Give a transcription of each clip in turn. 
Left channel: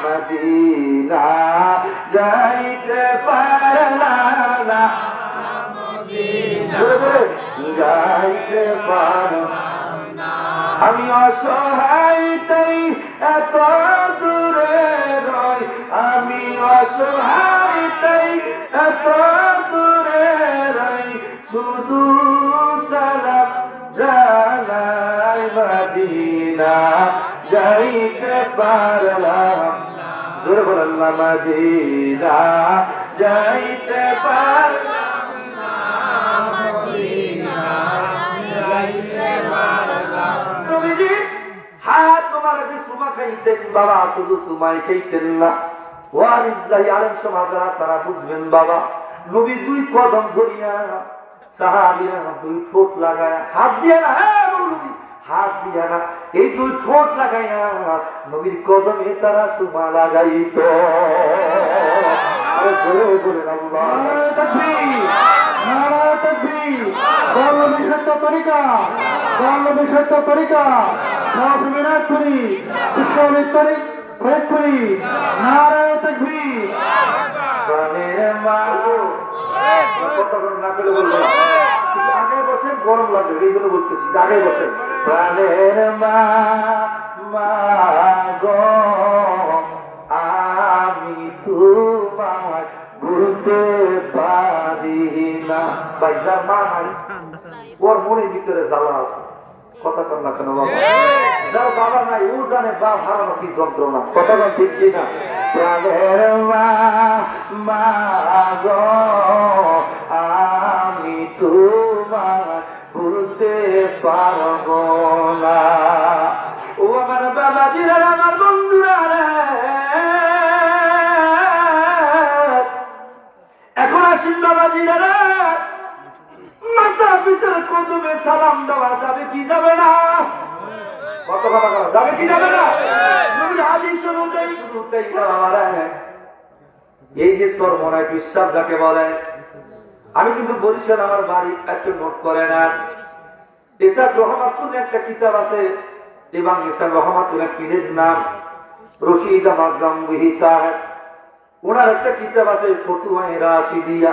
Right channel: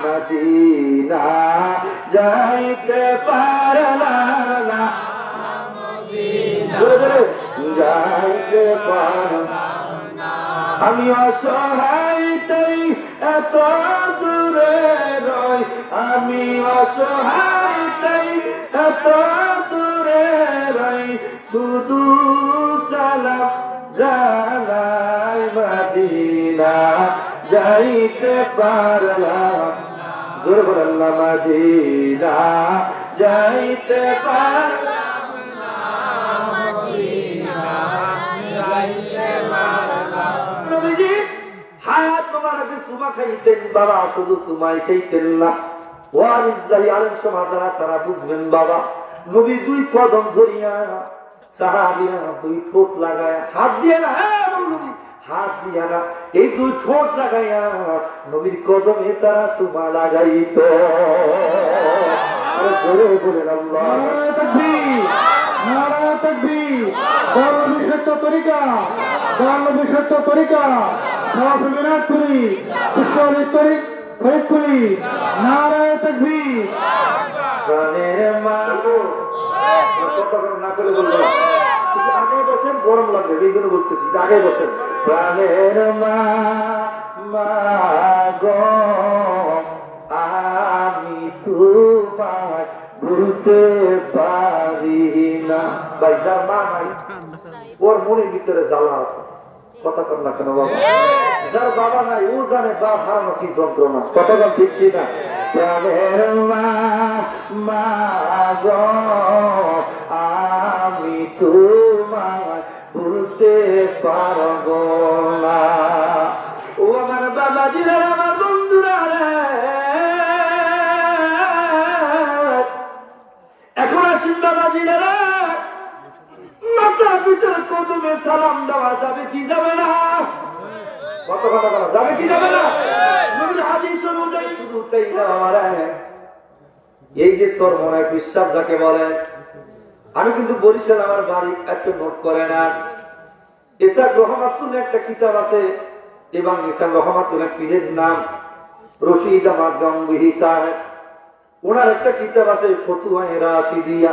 Medina যাইতে পারলাম না যাইতে পারলাম না আমি অসহায় তাই এত দূরে রই আমি অসহায় তাই এত দূরে রই শুধু সালাম জানাই মদিনা যাইতে পারলাম জোরে বলেন না মদিনা যাইতে পারলাম না মদিনা যাইতে পারলাম নবীজি হাত মোবারকে সুমা খাইতেন বাবা শুধু সুমাই খাইতেন না ওয়ারিসলাহি আলেম সমাজরা তারা বুঝবেন বাবা নবী দুই কদম ধরিয়া সাহাবীরা দুই ঠোঁট লাগায়া হাত দিয়ে না নবী হাত দিয়া না এই দুই ঠোঁট লাগাইয়া নবীর কদমে তারা সুমা লাগাইত আরে জোরে বলেন আল্লাহু তাকবীর নারায়ে তাকবীর নবী সত্য তরিকা নবী সত্য তরিকা সহবিনাত করি সুশোভিত তরিক ফরিদপুরি নারায়ে তাকবীর গানের মাগো কত না করে বলবো আগে বসেন গরম লাগবে এই জন্য বলতেছি আগে বসেন প্রাণের মা গো আমি তোমায় ভুলতে পারি না ভাই যার মা নাই ওর মনের ভিতরে জ্বালা আছে কথা কর না কেন বাবা যার বাবা নাই ও জানে বাপ হারানো কি যন্ত্রণা কথা বল ঠিক কিনা প্রাণের মা গো আমি তোমায় ভুলতে পারবো না ও আমার বাবাজিরা আমার বন্ধুরা এখন আসিন বাবাজিরা মাথা পিতার কদমে সালাম দেওয়া যাবে কি যাবে না কত কথা বলা যাবে কি যাবে না নবীর হাদিস অনুযায়ী শুরুতেই বাবারা এই যে সরমনায় বিশ্বাস যাকে বলে আমি কিন্তু বরিশাল আমার বাড়ি একটা নোট করে না ইসাক রহমাতুল্লাহ একটা কিতাব আছে এবং ইসাক রহমাতুল্লাহ পীরের নাম রশিদ আহমদ গাঙ্গুহি সাহেব ওনার একটা কিতাব আছে ফতুয়া রাশিদিয়া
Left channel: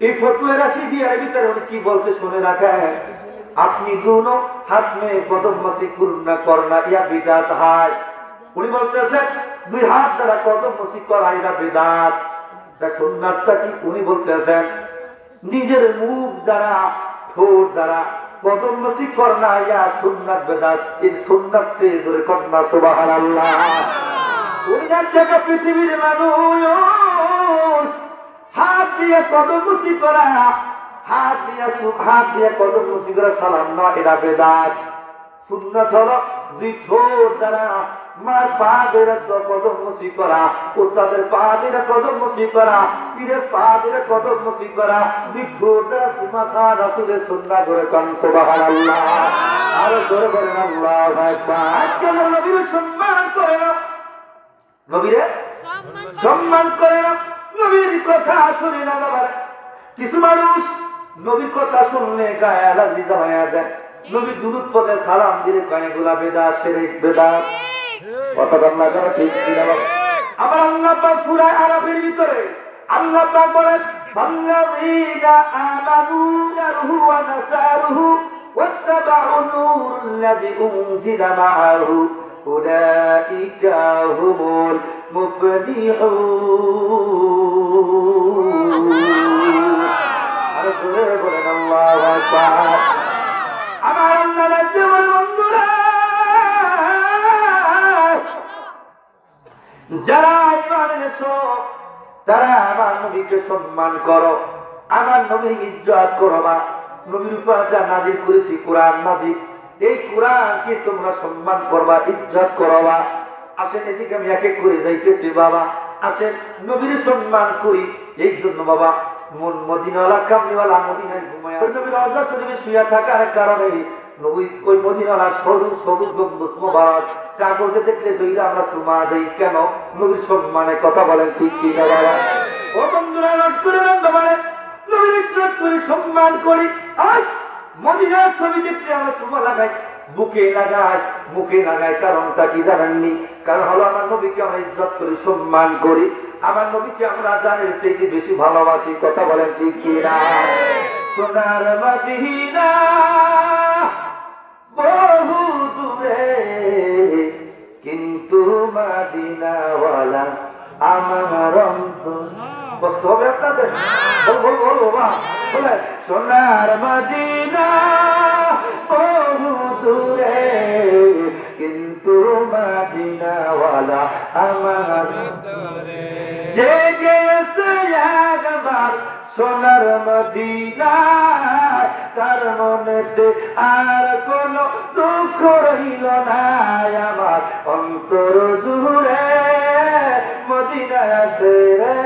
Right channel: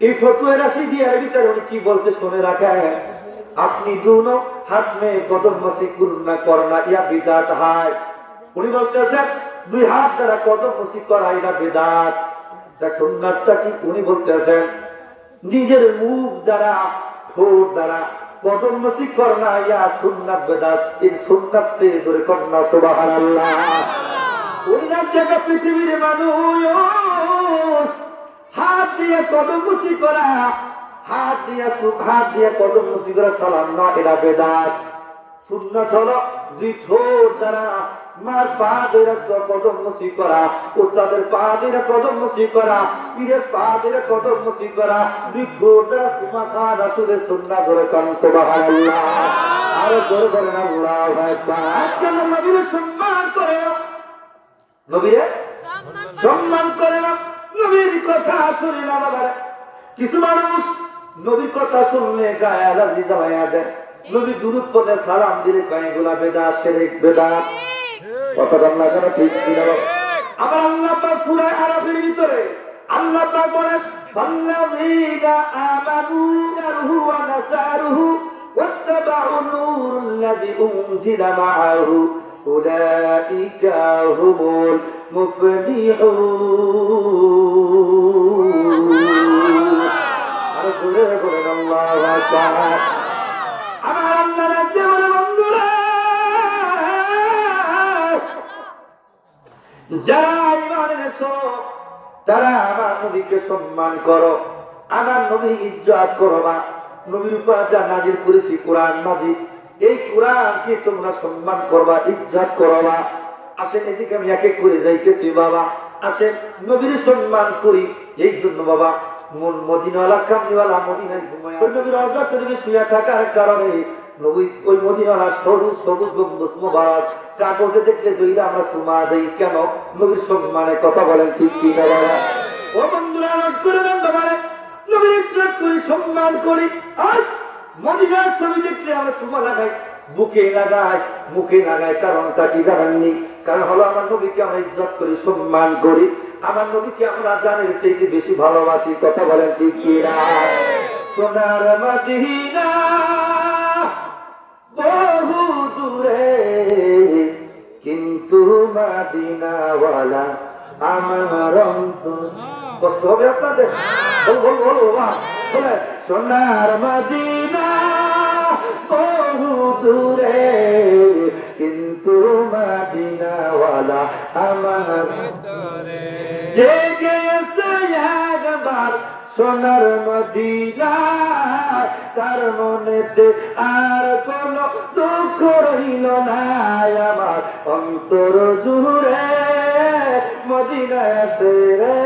এই ফতুয়া রাশিদিয়ার ভিতরে উনি কি বলছে শুনে রাখেন আপনি दोनों हाथ में कदम मसी करना करना या बिदात है उनी বলতেছেন দুই হাত দ্বারা কদম মসি করা এটা বিদাত তা সুন্নাতটা কি উনি বলতেছেন নিজের মুখ দ্বারা ঠোঁট দ্বারা কদম মসি করনা ইয়া সুন্নাত বিদাত এই সুন্নাত সে জোরে করনা সুবহানাল্লাহ উনি না জায়গা পৃথিবীর মানুষ হাত দিয়ে কদম মসি করা হাত দিয়ে কদম মসি করা সালাম না এটা বিদাত সুন্নাত হলো দুই ঠোঁট দ্বারা মার পা ধরে কদম মসি করা উস্তাদের পা ধরে কদম মসি করা পীরের পা ধরে কদম মসি করা দুই ঠোঁট দ্বারা সুমা খা রাসূলের সুন্নাত করে কান সুবহানাল্লাহ আর জোরে বলেন আল্লাহু আকবার আজকে নবীর সম্মান করে না নবীর সম্মান করে না নবীর কথা শুনি না বাবা কিছু মানুষ নবীর কথা শুনলে গায়ে অ্যালার্জি জমায়া দেয় নবী দুরূদ পড়ে সালাম দিলে গায়ে গোলা বেদাত শিরক বেদাত কত বাংলা করে ঠিক কিনা আবার আল্লাহ পাক সূরা আরাফের ভিতরে আল্লাহ পাক বলেন ফাল্লাযীনা আমানু জারহু ওয়া নাসারুহু ওয়াত্তাবাউ নূরাল্লাযী উনজিলা মাআহু উলাইকা হুমুল মুফলিহুন আর জোরে বলেন আল্লাহু আকবার আমার আল্লাহর দেওয়ার বন্ধুরা যারা ঈমান এনেছো তারা আমার নবীকে সম্মান করো আমার নবীর ইজ্জত করবা নবীর উপর যা নাযিল করেছি কোরআন মাজিদ এই কোরআনকে তোমরা সম্মান করবা ইজ্জত করবা আসেন এদিকে আমি এক এক করে যাইতেছি বাবা আসেন নবীর সম্মান করি এই জন্য বাবা মদিনাওয়ালা কামনিওয়ালা মদিনায় ঘুমায় নবীর রওজা শরীফে শুয়ে থাকার কারণে নবী ওই মদিনাওয়ালা সবুজ গম্বুজ মোবারক কাগজে দেখলে দইরা আমরা সুমা দেই কেন নবীর সম্মানে কথা বলেন ঠিক কি না বাবা ও বন্ধুরা নোট করে নেন বাবা নবীর ইজ্জত করি সম্মান করি আর মদিনার ছবি দেখলে আমরা সুমা লাগাই বুকে লাগাই মুখে লাগাই কারণটা কি জানেননি কারণ হলো আমার নবীকে আমরা ইজ্জত করি, সম্মান করি, আমার নবীকে আমরা জানের চেয়ে বেশি ভালোবাসি। কথা বলেন ঠিক কিনা? সোনার মদিনা বহু দূরে, কিন্তু মদিনাওয়ালা আমার অন্তর। কষ্ট হবে আপনাদের? বলবো বলে সোনার মদিনা বহু দূরে, কিন্তু মদিনাওয়ালা আমার অন্তরে। যে গেছে একবার সোনার মদিনা, তার মনেতে আর কোন দুঃখ রইল না। আমার অন্তর জুড়ে মদিনা আছে রে,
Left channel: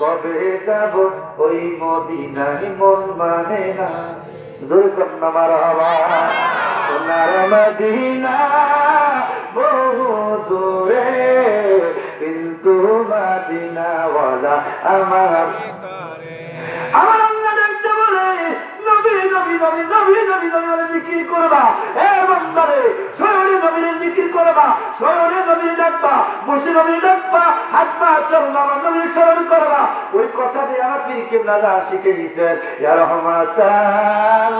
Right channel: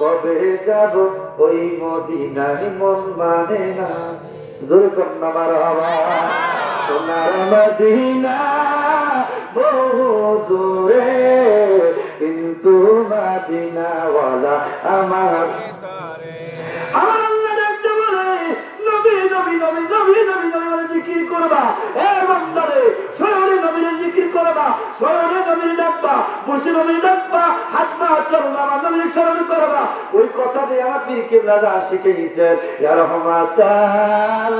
কবে যাব ওই মদিনায় মন মানে না। জোরে কন্যা মারহাবা। সোনার মদিনা বহু দূরে, কিন্তু মদিনাওয়ালা আমার। আমার আল্লাহ দেখতে বলে নবী নবী নবী নবী নবী নবী বলে জিকির করবা। এ বান্দারে সয়রে নবীর জিকির করবা, সয়রে নবীর ডাকবা, বসে নবীর ডাকবা, হাত পা চলবা, নবীর স্মরণ করবা। ওই কথা দিয়ে আমার পীর কিবলা শিখে দিয়েছেন, ইয়া রহমাতাল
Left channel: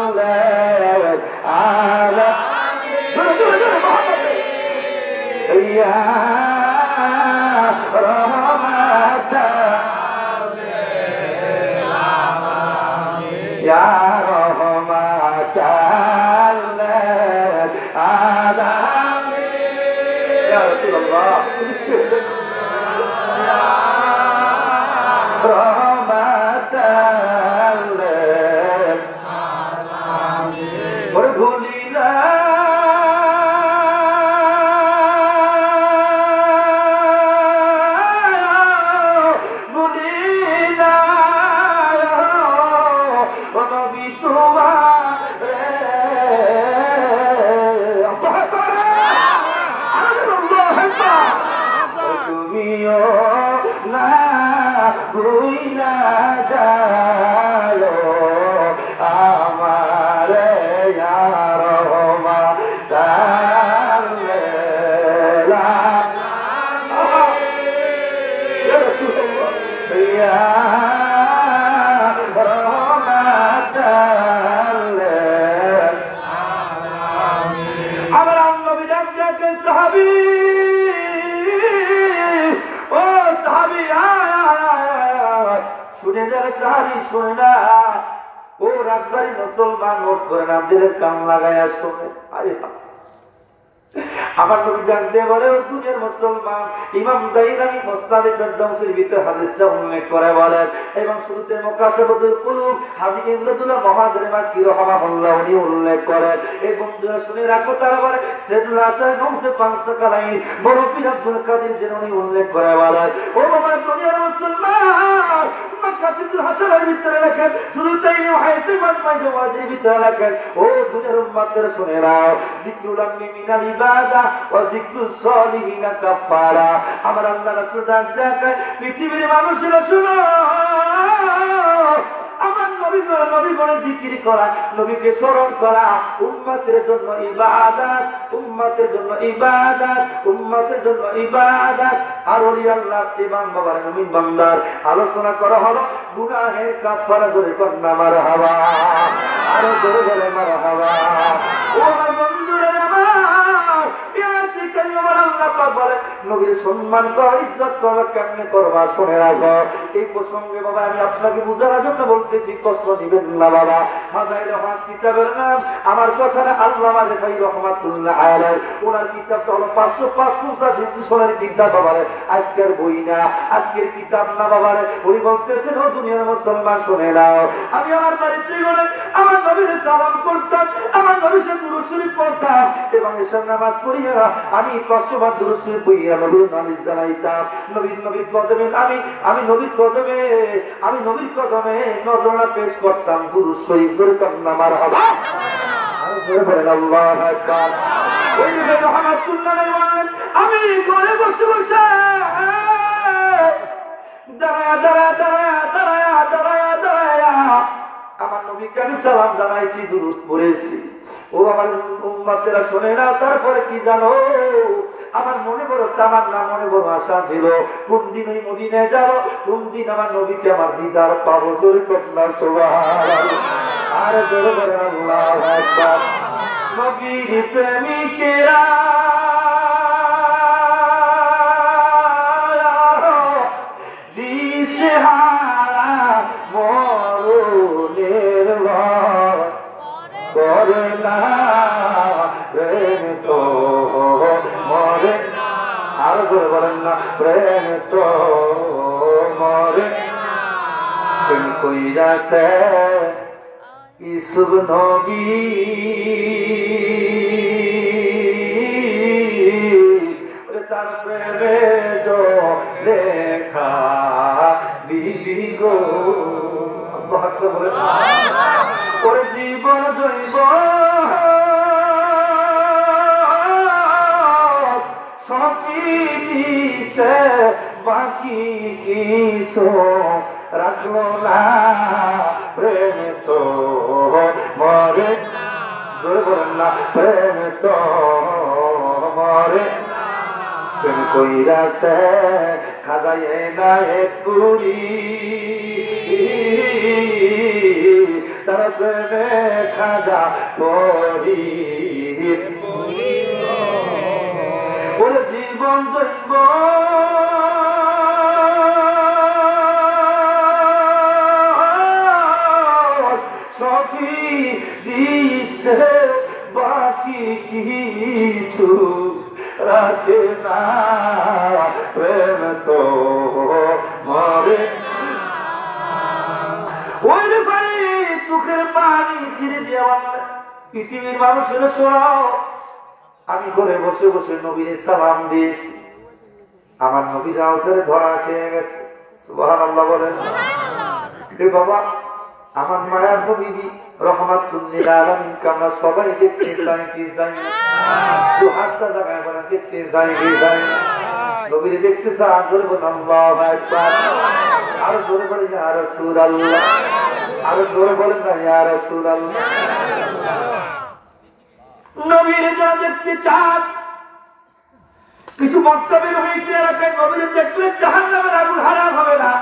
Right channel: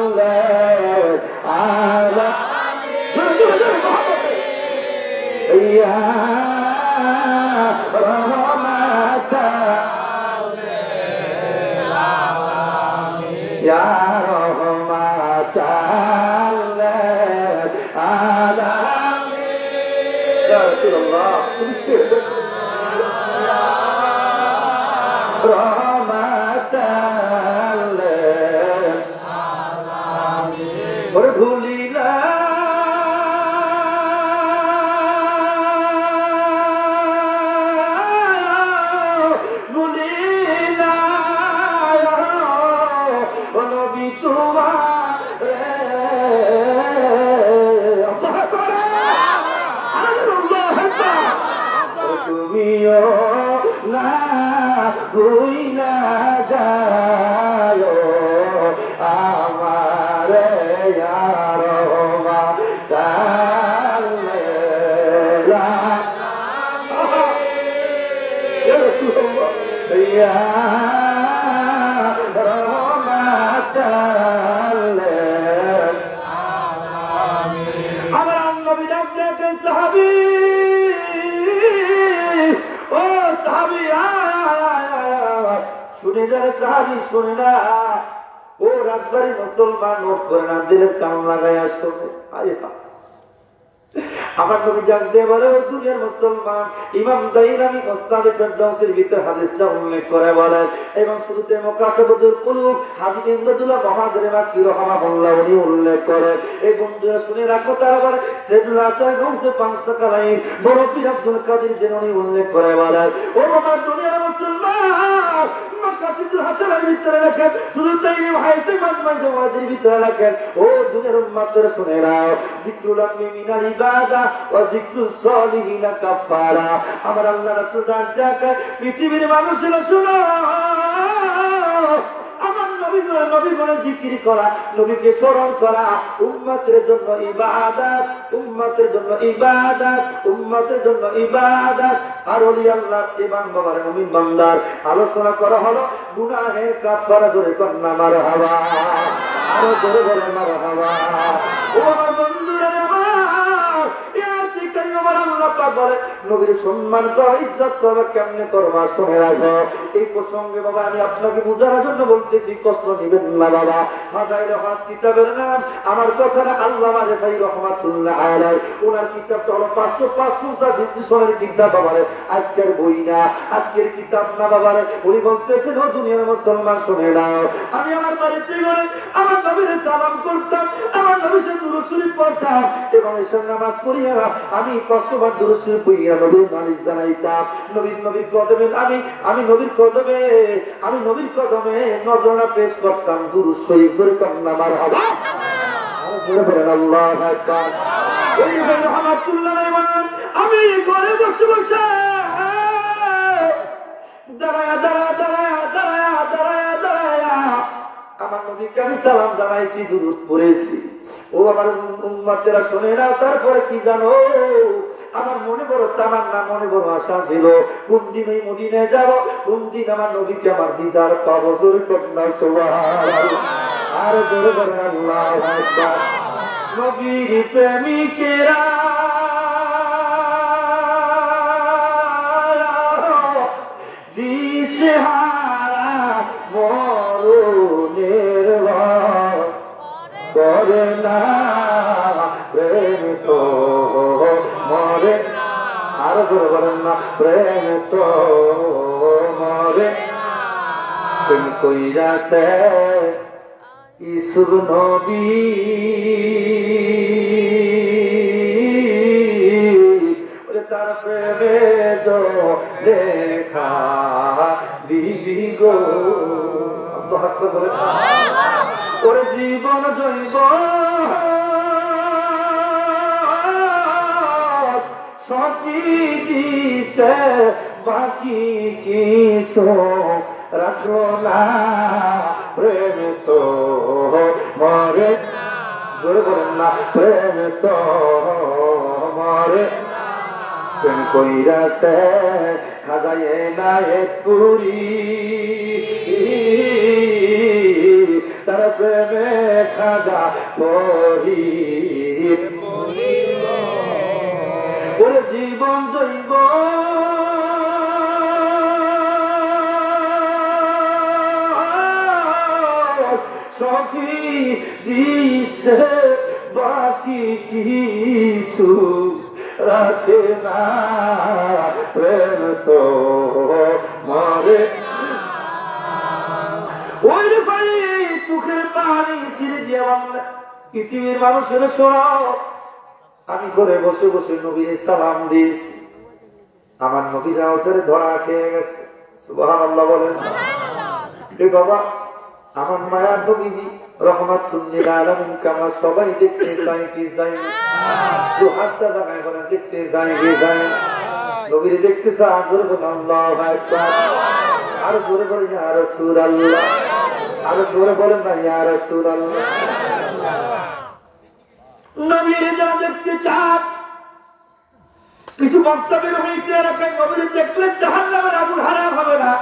আলামিন, ইয়া রহমাতাল আলামিন, ইয়া রহমাতাল আলামিন। ইয়া রাসূলুল্লাহ, রহমাতাল আলামিন। ওরে ভুলিলা তুমিও না ভুইলা যাও আমার ইয়া রহমাতাল আলামিন, ইয়া রহমাতাল আলামিন। আমার নবী ডাক ডাকে সাহাবী, ও সাহাবী শুনে যারা সাহাবী শুনে না, ও রাজবাড়ি মুসলমান নোট করে না, দিলের কান লাগাইয়া শোনে। আমার নবী ডাক দিয়ে বলে, ও দুনিয়ার মুসলমান। ইমাম দাইরানি মুসনাদে ফেরদাউসের ভিতরে হাদিসটা উল্লেখ করে বলেন, এবং শুরুতে মুকাশফাতুল কুলুব হাজী ইমদাদুল্লাহ মহাজরে মাক্কি রাহিমাহুল্লাহ উনি উল্লেখ করেন। এই বন্ধুরা শুনে রাখো, তারা বলে সাইয়েদুল হাসান গৌসে পাঁচশাকালাইন বড় পীর আব্দুল কাদের জিলানী উল্লেখ করে বলেন, ও বাবা দুনিয়ার মুসলমান, মাকাসিদুল হাসানের ভিতরে লেখেন, শুধু তাই নয় হাইসে মাজমাই জাওয়াদের ভিতরে লেখেন, ও দুনিয়ার উম্মতের শুনে নাও, যিকরুল আমনি মিনাল ইবাদা ওয়া যিকরুস সালিহিনা কাফারা। আমার আল্লাহ রাসূল ডাক দেয়, পৃথিবীর মানুষেরা শুনো, আমার নবী বলে জিকির করা, নবীকে স্মরণ করা উম্মতের জন্য ইবাদত, উম্মতের জন্য ইবাদত, উম্মতের জন্য ইবাদত। আর ওলি আল্লাহ ইমাম বাবার মুমিন বান্দার আলোচনা করা হলো গুনাহের কাফারা। জোরে কন্না মারহাবা, আরো জোরে বলে মারহাবা। ও আমার বন্ধুরা, আমার ইয়াতি কারীম আমার আল্লাহ পাক বলে নবীর সম্মান করো, ইজ্জত করো, কেমনে করবা শুনে রাখো। এই প্রসঙ্গে বাবা আমি আপনাকে বোঝানোর জন্য বলতেছি, কষ্ট দিবেন না বাবা। ফাযাইল হাস কিতাবের নাম, আমার কথাটা আল্লামা রেফাই রহমাতুল্লাহ আলাইহি, ওনার কিতাবটা হলো 555 হিজরি কিতাব বাবারে, আজকের বই না, আজকের কিতাব না বাবারে। উনি বলতেছেন, ও দুনিয়ার মুসলমান শুনে নাও, আমি আমার বাড়িতে গেলে আমার নবীর সালাম করতাম, আমার নবীর সাথে দুরূদ শরীফ পড়তাম, এবং এশার নামাজ পড়িয়া আমি 500 বার দুরূদ শরীফ পড়িয়া নবীর নালিশ জানাইতাম। নবীর কদমে আমি নবীর কদমে নজরানা পেশ করতাম, দুরূদ শরীফ পড়তাম না। মারহাবা, আর জোরে বলেন আল্লাহু আকবার। ওই যে রহমাতুল্লাহ আলাইহি বলেন, আমি ঘরে বসে বসে দাঁড়ায়া আমার নবীকে আমি সালাম জানাইছি, দুরূদ পড়েছি। ও আমার উম্মতেরা শুনে নাও, তারপরে কি জানো, আমার মনে বড় তামান্না, মনে বড় আশা ছিল, কোন দিন ওই মদিনায় যাব, কোন দিন আমার নবীকে আমার দিদার পাবো। জোরে কন্যা সুবহানাল্লাহ, আর জোরে বলে আল্লাহু আকবার। নবীর প্রেমিকেরা দিশেহারা মরণের ভয় করে না, প্রেম তো মরে, আরো জোরে বলেন না, প্রেম তো মরে। প্রেম কইরাছে ইসুব নবী, তার প্রেমে যো রেখা দিবি গো। বলে ওরে জীবন জৈব সখী দিছে, বাকি কিছু রাখলো না, প্রেম তো মরে। জোরে বলেন না, প্রেম তো মরে। প্রেম কইরাছে খাজায় নাই পুরি, তার প্রেমে খাজা পরি। বলে জীবন জৈব সখী দিছে, বাকি কিছু রাখে না, প্রেম তো মরে। ওই রে ভাই চোখের পানি ছিঁড়ে যাওয়া পৃথিবীর মানুষের শোনাও, আমি ঘরে বসে বসে নবীর সালাম দিয়েছি, আমার নবীরা ওদের ধরা খেয়ে গেছে। সুবহানাল্লাহ বলেন। বাবা, আমার মায়ার নবীজি রহমাতুল লিল আলামিনকে আমরা সবাই দেখতে চাই কি চাই না? দু হাতটা জায়গায় বলেন, দেখতে চাই কি চাই না? নবীরে দেখতে চাই, জোরে বলেন আল্লাহু আকবার, আরো জোরে বলেন ইয়া রাসূলুল্লাহ, আরো জোরে বলেন না ইয়া রাসূলুল্লাহ। নবীরে যারা দেখতে চান, কিছু বক্তব্য হয়েছে এলাকায়, নবীরে দেখলে জাহান্নামের আগুন হারাম হবে না।